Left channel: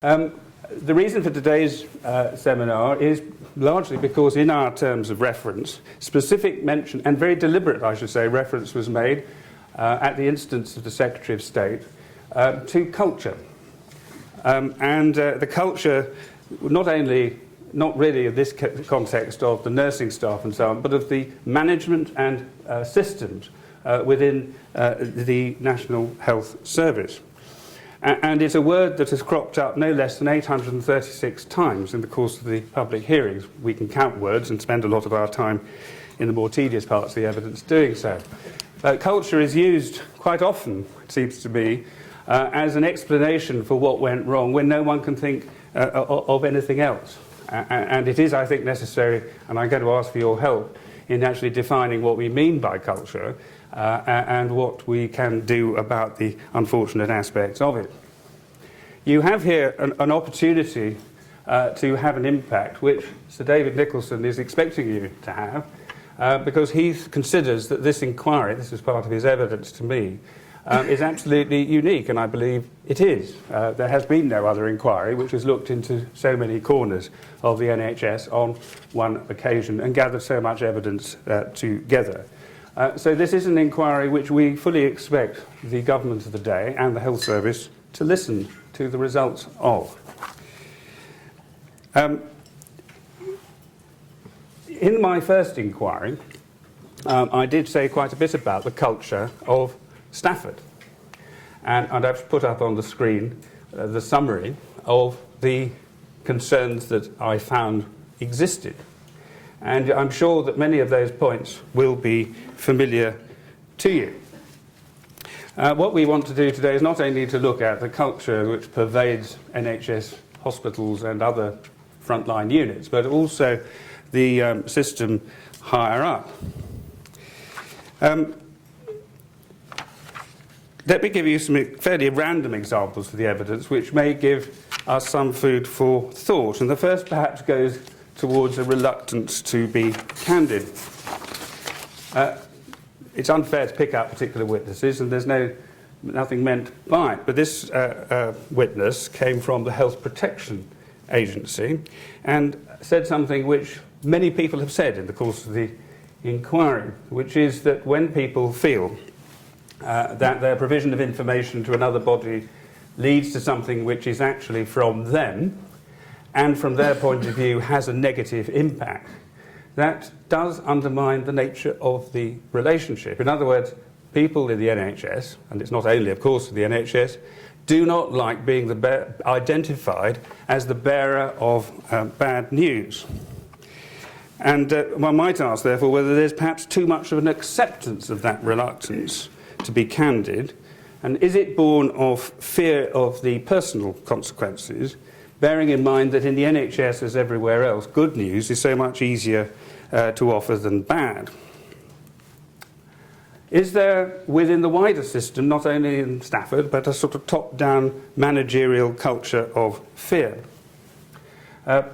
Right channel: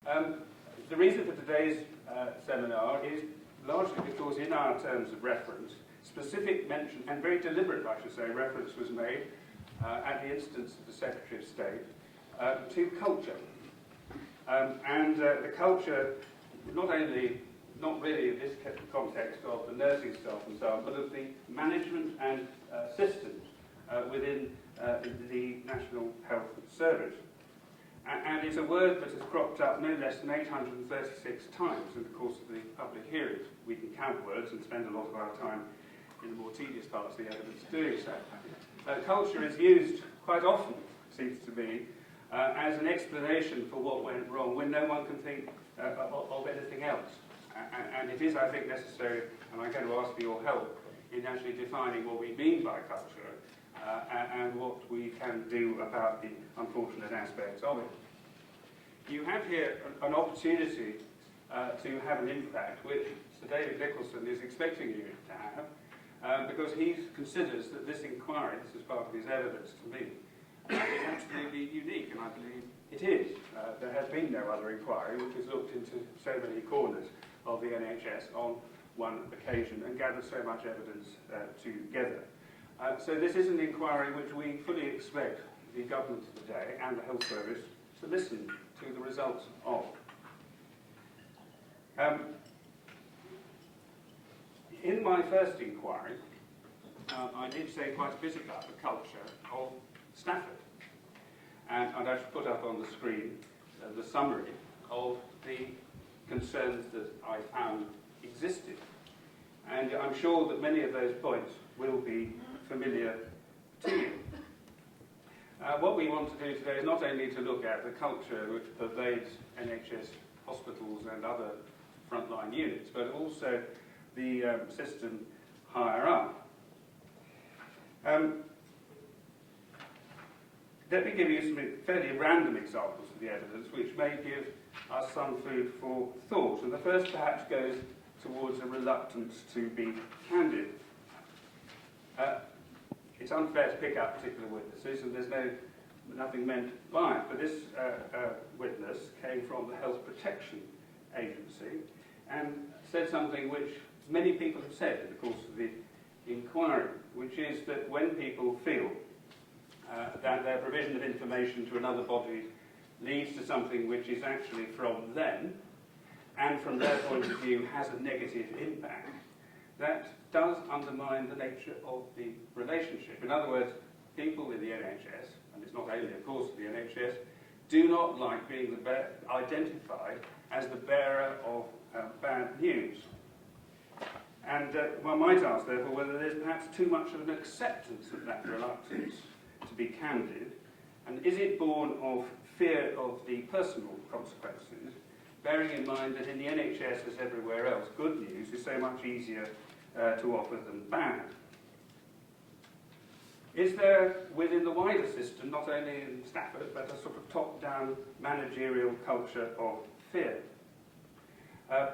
The reason for today's seminar is largely because in our terms of reference, specific mention, and very deliberate, I should say, reference was made at the instance of the Secretary of State to culture. The culture, not really in this context of the nursing staff and so on, but of the management and systems within the National Health Service. And it's a word that has cropped up no less than 836 times in the course of the public hearings. We can count words and spend a lot of our time in the more tedious parts of the evidence doing so. Culture is used quite often, it seems to me, as an explanation for what went wrong when no one can think of anything else. And it is, I think, necessary, and I'm going to ask for your help in actually defining what we mean by culture and what we can do about the unfortunate aspects of it. You have here an opportunity to have an impact which Sir David Nicholson is expecting you to have because he considers that this inquiry, this is part of his evidence to me, is absolutely unique, and I believe it is. There has been no other inquiry which has looked into so many corners of the NHS on one occasion and gathered so much evidence together. So this is an inquiry which we fully expect the government of the day and the health service to listen to the results of. In my first inquiry, I did say quite a bit about the culture of Stafford. And I've put up on the screen the summary of the concerns that I found existed. And I'm sure that many of those points will be familiar to you. What we want to do today is not only to look at the culture which pervades NHS hospitals and other frontline units, but also the system higher up. Let me give you some fairly random examples of the evidence which may give us some food for thought. And the first perhaps goes towards a reluctance to be candid. It's unfair to pick out particular witnesses, and there's nothing meant by it. But this witness came from the Health Protection Agency and said something which many people have said in the course of the inquiry, which is that when people feel that their provision of information to another body leads to something which is actually from them, and from their point of view has a negative impact, that does undermine the nature of the relationship. In other words, people in the NHS, and it's not only, of course, the NHS, do not like being identified as the bearer of bad news. And one might ask, therefore, whether there's perhaps too much of an acceptance of that reluctance to be candid, and is it born of fear of the personal consequences, bearing in mind that in the NHS, as everywhere else, good news is so much easier to offer than bad. Is there, within the wider system, not only in Stafford, but a sort of top-down managerial culture of fear?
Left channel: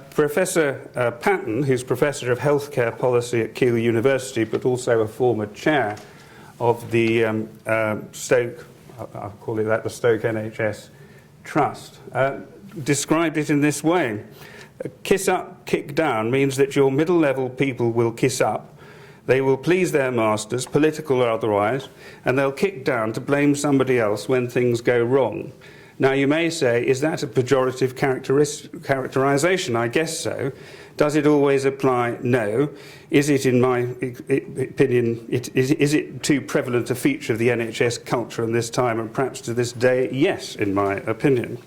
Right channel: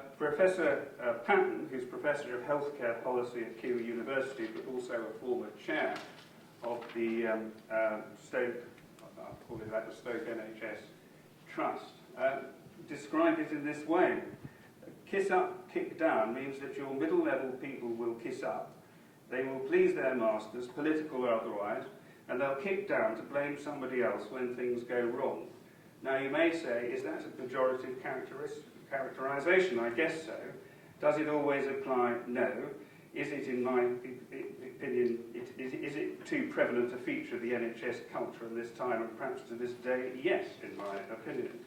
Professor Patton, who's Professor of Healthcare Policy at Keele University, but also a former chair of the Stoke, I'll call it that, the Stoke NHS Trust, described it in this way. Kiss up, kick down means that your middle-level people will kiss up, they will please their masters, political or otherwise, and they'll kick down to blame somebody else when things go wrong. Now you may say, is that a pejorative characterization? I guess so. Does it always apply? No. Is it, in my opinion, is it too prevalent a feature of the NHS culture in this time and perhaps to this day? Yes, in my opinion.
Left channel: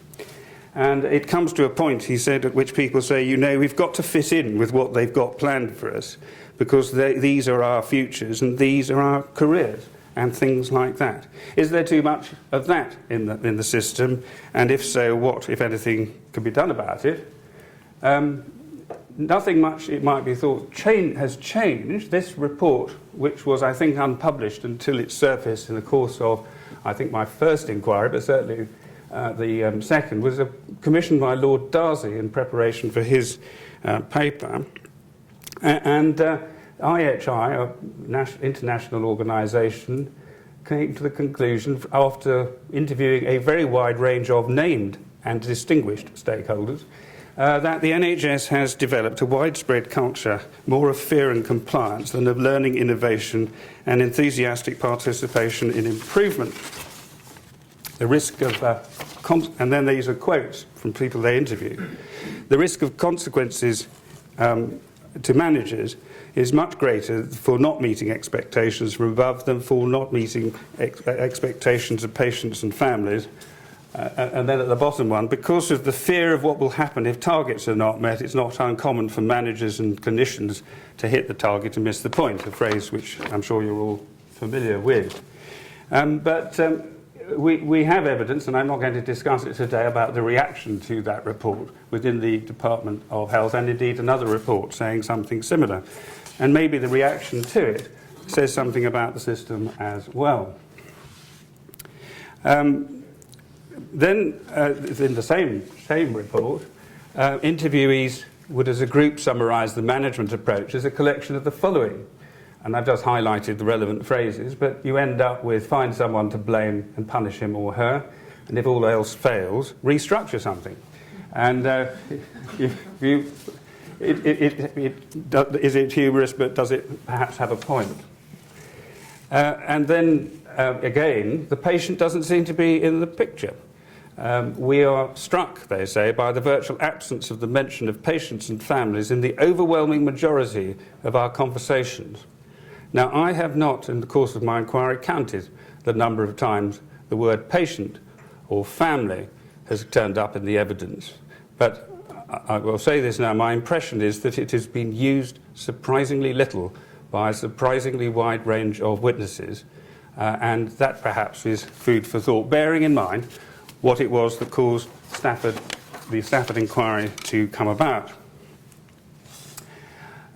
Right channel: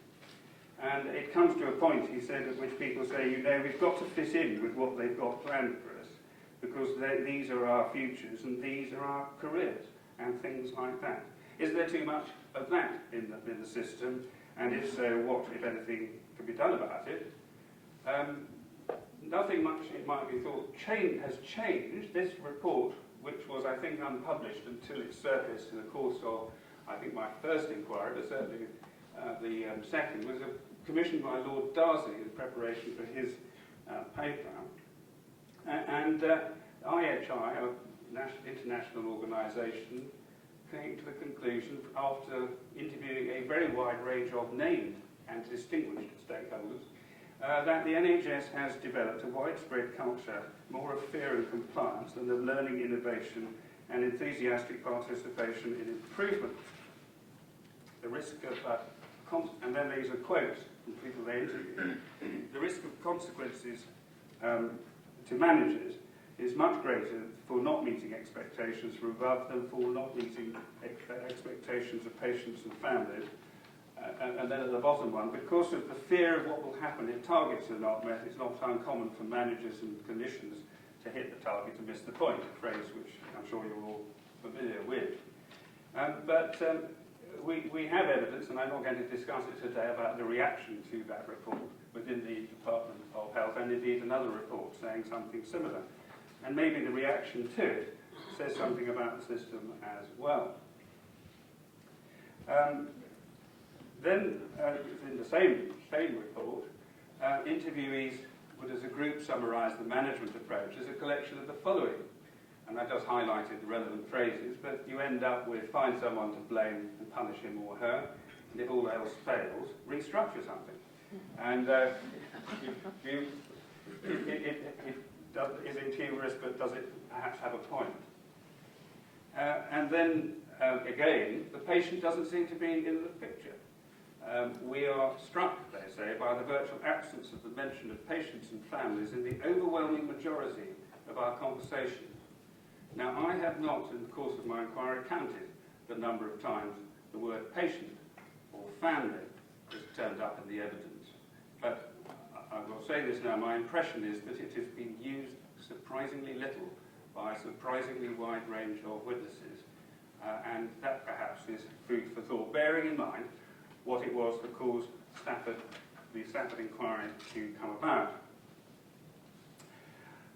And it comes to a point, he said, at which people say, you know, we've got to fit in with what they've got planned for us because these are our futures and these are our careers and things like that. Is there too much of that in the system? And if so, what, if anything, can be done about it? Nothing much, it might be thought, has changed. This report, which was, I think, unpublished until it surfaced in the course of, I think, my first inquiry, but certainly the second, was commissioned by Lord Darcy in preparation for his paper. And IHI, an international organisation, came to the conclusion, after interviewing a very wide range of named and distinguished stakeholders, that the NHS has developed a widespread culture more of fear and compliance than of learning, innovation and enthusiastic participation in improvement. The risk of, and then these are quotes from people they interview, the risk of consequences to managers is much greater for not meeting expectations from above than for not meeting expectations of patients and families. And then at the bottom one, because of the fear of what will happen if targets are not met, it's not uncommon for managers and clinicians to hit the target and miss the point, a phrase which I'm sure you're all familiar with. We have evidence, and I'm not going to discuss it today, about the reaction to that report within the Department of Health, and indeed another report saying something similar. And maybe the reaction to it says something about the system as well. Then, in the same report, interviewees would as a group summarise the management approach as a collection of the following. And I've just highlighted the relevant phrases, but you end up with find someone to blame and punish him or her, and if all else fails, restructure something. And is it humorous, but does it perhaps have a point? And then, again, the patient doesn't seem to be in the picture. We are struck, they say, by the virtual absence of the mention of patients and families in the overwhelming majority of our conversations. Now, I have not, in the course of my inquiry, counted the number of times the word patient or family has turned up in the evidence. But I will say this now, my impression is that it has been used surprisingly little by a surprisingly wide range of witnesses, and that perhaps is food for thought, bearing in mind what it was that caused the Stafford inquiry to come about.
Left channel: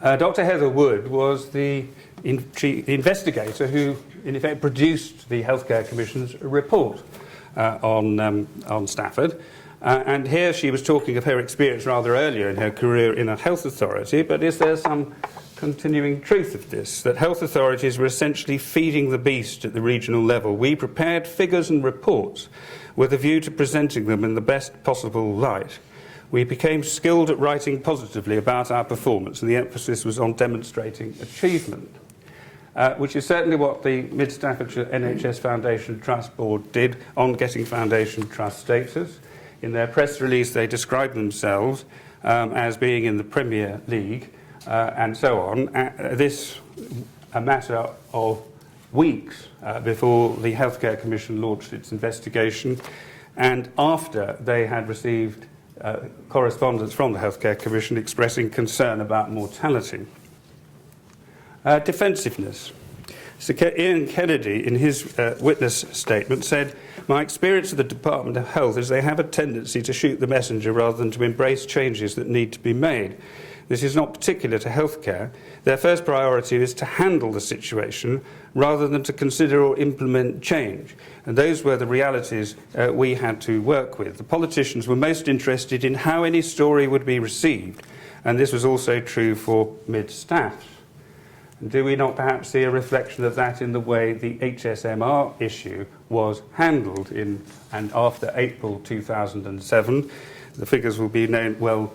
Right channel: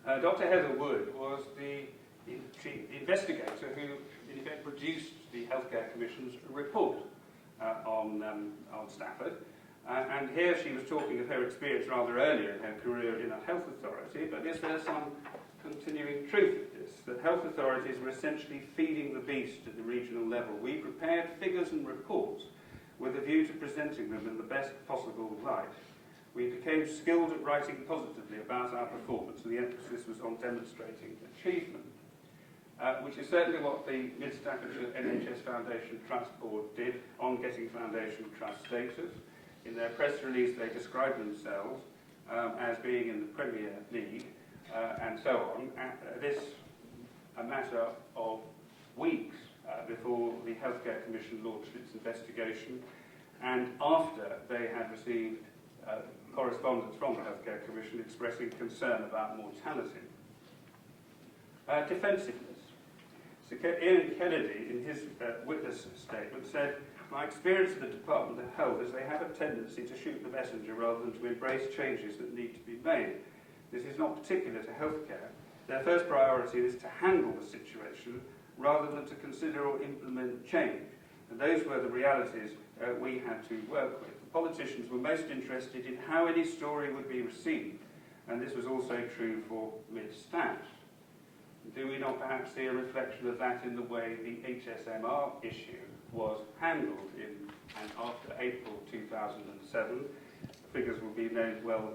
Dr. Heather Wood was the investigator who, in effect, produced the Healthcare Commission's report on Stafford. And here she was talking of her experience rather earlier in her career in a health authority, but is there some continuing truth of this, that health authorities were essentially feeding the beast at the regional level? We prepared figures and reports with a view to presenting them in the best possible light. We became skilled at writing positively about our performance, and the emphasis was on demonstrating achievement, which is certainly what the Mid Staffordshire NHS Foundation Trust Board did on getting Foundation Trust status. In their press release, they described themselves as being in the Premier League and so on. This a matter of weeks before the Healthcare Commission launched its investigation, and after they had received correspondence from the Healthcare Commission expressing concern about mortality. Defensiveness. Sir Ian Kennedy, in his witness statement, said, "My experience of the Department of Health is they have a tendency to shoot the messenger rather than to embrace changes that need to be made. This is not particular to healthcare. Their first priority is to handle the situation rather than to consider or implement change." And those were the realities we had to work with. The politicians were most interested in how any story would be received, and this was also true for mid-staff. Do we not perhaps see a reflection of that in the way the HSMR issue was handled in and after April 2007? The figures will be well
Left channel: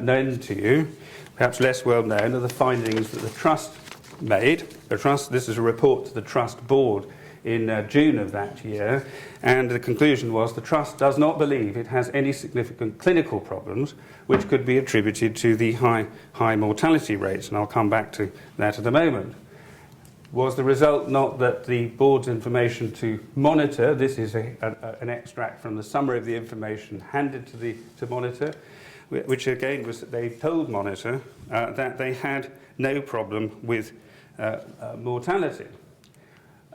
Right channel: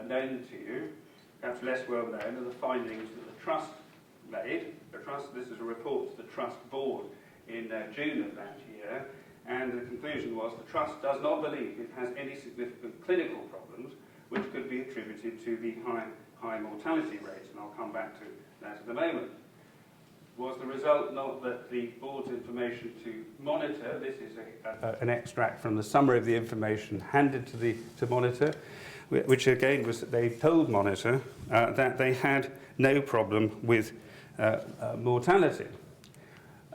known to you. Perhaps less well known are the findings that the Trust made. This is a report to the Trust Board in June of that year, and the conclusion was the Trust does not believe it has any significant clinical problems which could be attributed to the high mortality rates, and I'll come back to that in a moment. Was the result not that the Board's information to Monitor, this is an extract from the summary of the information handed to Monitor, which again was that they told Monitor that they had no problem with mortality.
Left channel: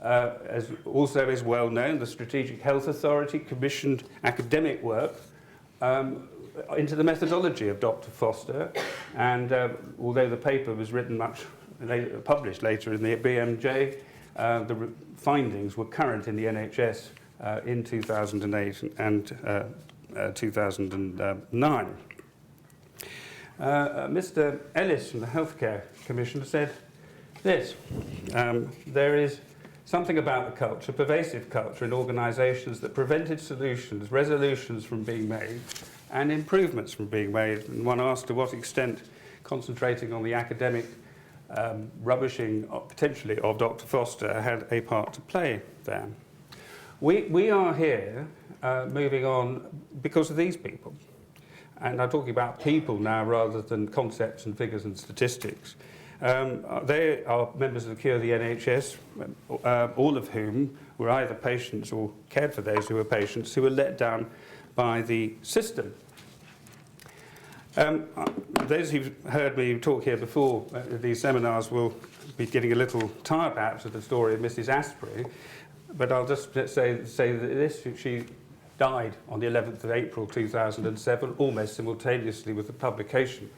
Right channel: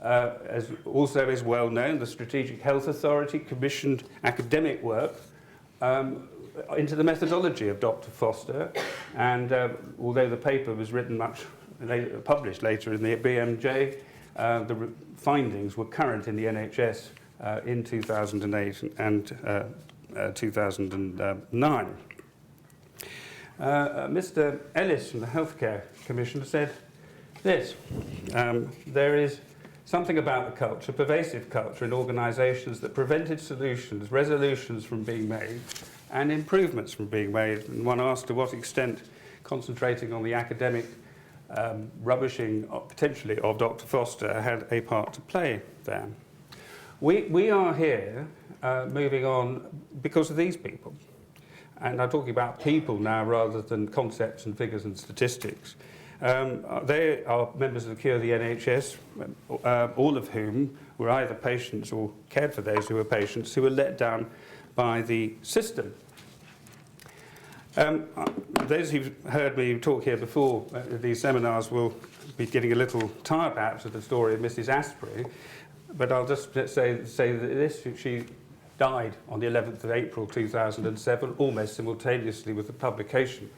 As also is well known, the Strategic Health Authority commissioned academic work into the methodology of Dr. Foster, and although the paper was written published later in the BMJ, the findings were current in the NHS in 2008 and 2009. Mr. Ellis from the Healthcare Commission said this: there is something about the culture, pervasive culture in organisations that prevented solutions, resolutions from being made, and improvements from being made. And one asked to what extent concentrating on the academic rubbishing, potentially, of Dr. Foster had a part to play there. We are here moving on because of these people. And I'm talking about people now rather than concepts and figures and statistics. They are members of the Cure the NHS, all of whom were either patients or cared for those who were patients who were let down by the system. Those who've heard me talk here before these seminars will be getting a little tired perhaps of the story of Mrs. Asprey, but I'll just say that she died on the 11th of April 2007, almost simultaneously with the publication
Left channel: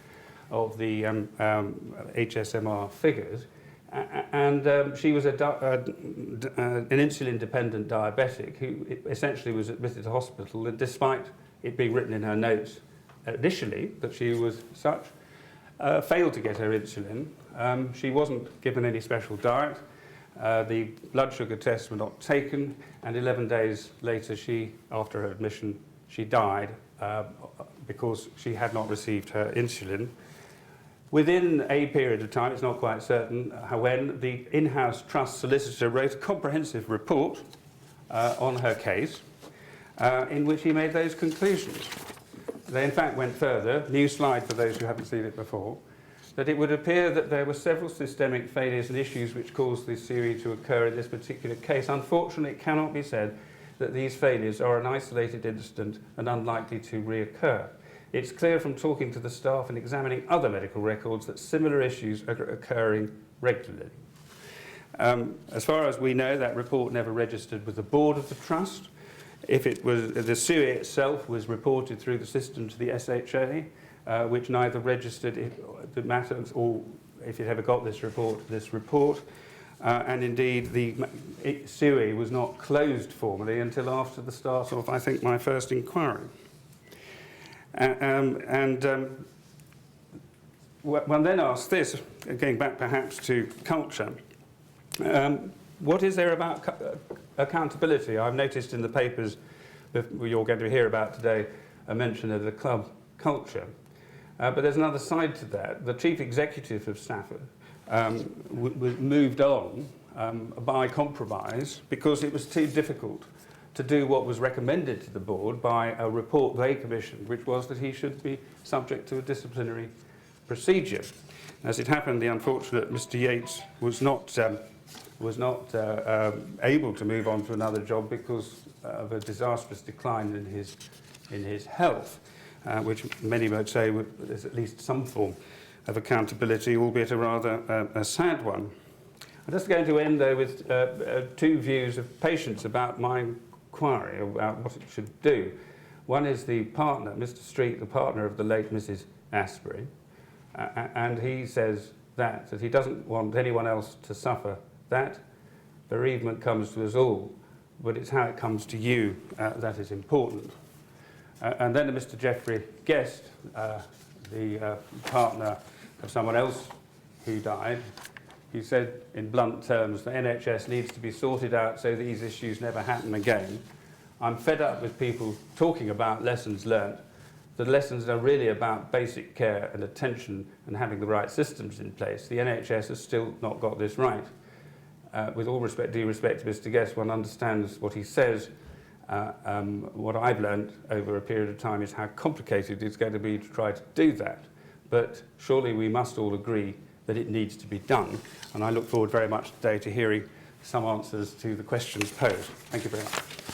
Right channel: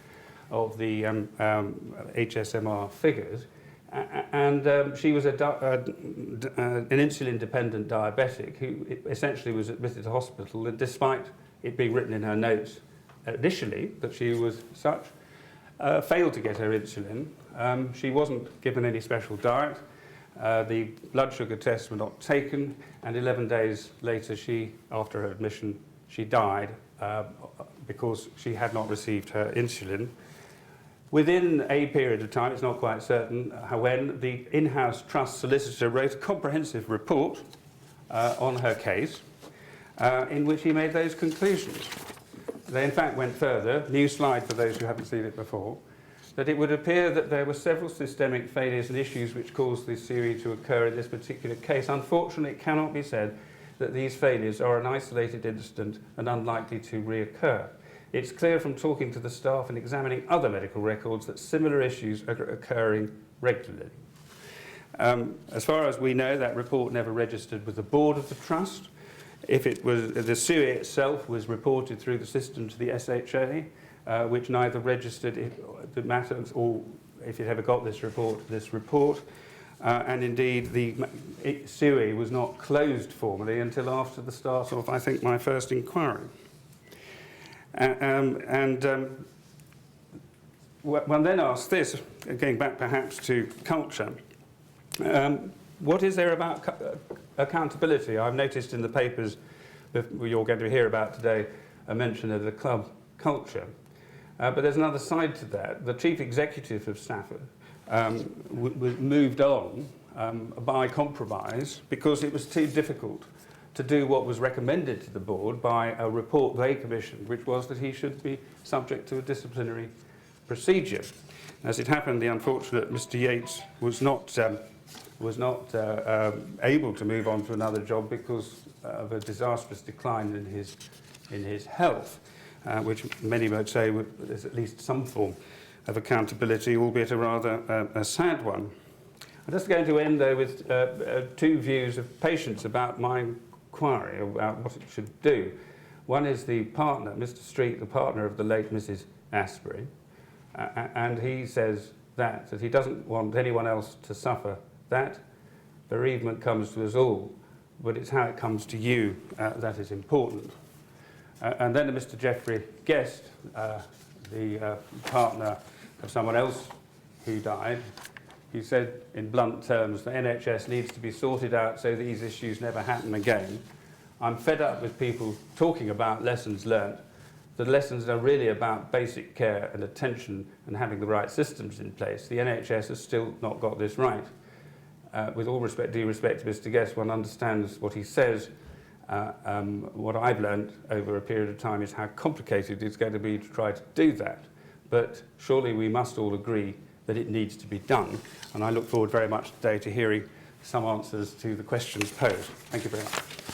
of the HSMR figures. And she was an insulin-dependent diabetic who essentially was admitted to hospital, and despite it being written in her notes initially that she was such, failed to get her insulin. She wasn't given any special diet. The blood sugar tests were not taken, and 11 days later, after her admission, she died because she had not received her insulin. Within a period of time, it's not quite certain when, the in-house trust solicitor wrote a comprehensive report on her case in which he made those conclusions. They in fact went further, new slide for those who haven't seen it before, that it would appear that there were several systemic failures and issues which caused this series to occur in this particular case. Unfortunately, it cannot be said that these failures are an isolated incident and unlikely to reoccur. It's clear from talking to the staff and examining other medical records that similar issues are occurring regularly. As far as we know, that report never registered with the board of the trust. If it was, the SUI itself was reported through the system to the SHA, which neither registered the matters or if it ever got this report. And indeed, the SUI was not closed formally until after the start of, I think, my first inquiry. One then asks this, going back perhaps to culture, what is there about accountability? I've noticed in the papers you're going to hear about today a mention of the club culture. But there's another side to that. The chief executive of Stafford was moved on by compromise because it was too difficult to do what was recommended to the board by a report they commissioned, which was that he should be subject to a disciplinary procedure. As it happened, the unfortunate Mr. Yates was not able to move on to another job because of a disastrous decline in his health, which many might say there's at least some form of accountability, albeit a rather a sad one. I'm just going to end, though, with two views of patients about my inquiry, about what it should do. One is the partner, Mr. Street, the partner of the late Mrs. Asprey, and he says that he doesn't want anyone else to suffer that. Bereavement comes to us all, but it's how it comes to you that is important. And then Mr. Geoffrey Guest, the partner of someone else who died, he said in blunt terms, the NHS needs to be sorted out so these issues never happen again. I'm fed up with people talking about lessons learnt. The lessons are really about basic care and attention and having the right systems in place. The NHS has still not got this right. With all respect, due respect to Mr. Guest, one understands what he says. What I've learned over a period of time is how complicated it's going to be to try to do that. But surely we must all agree that it needs to be done. And I look forward very much today to hearing some answers to the questions posed. Thank you very much.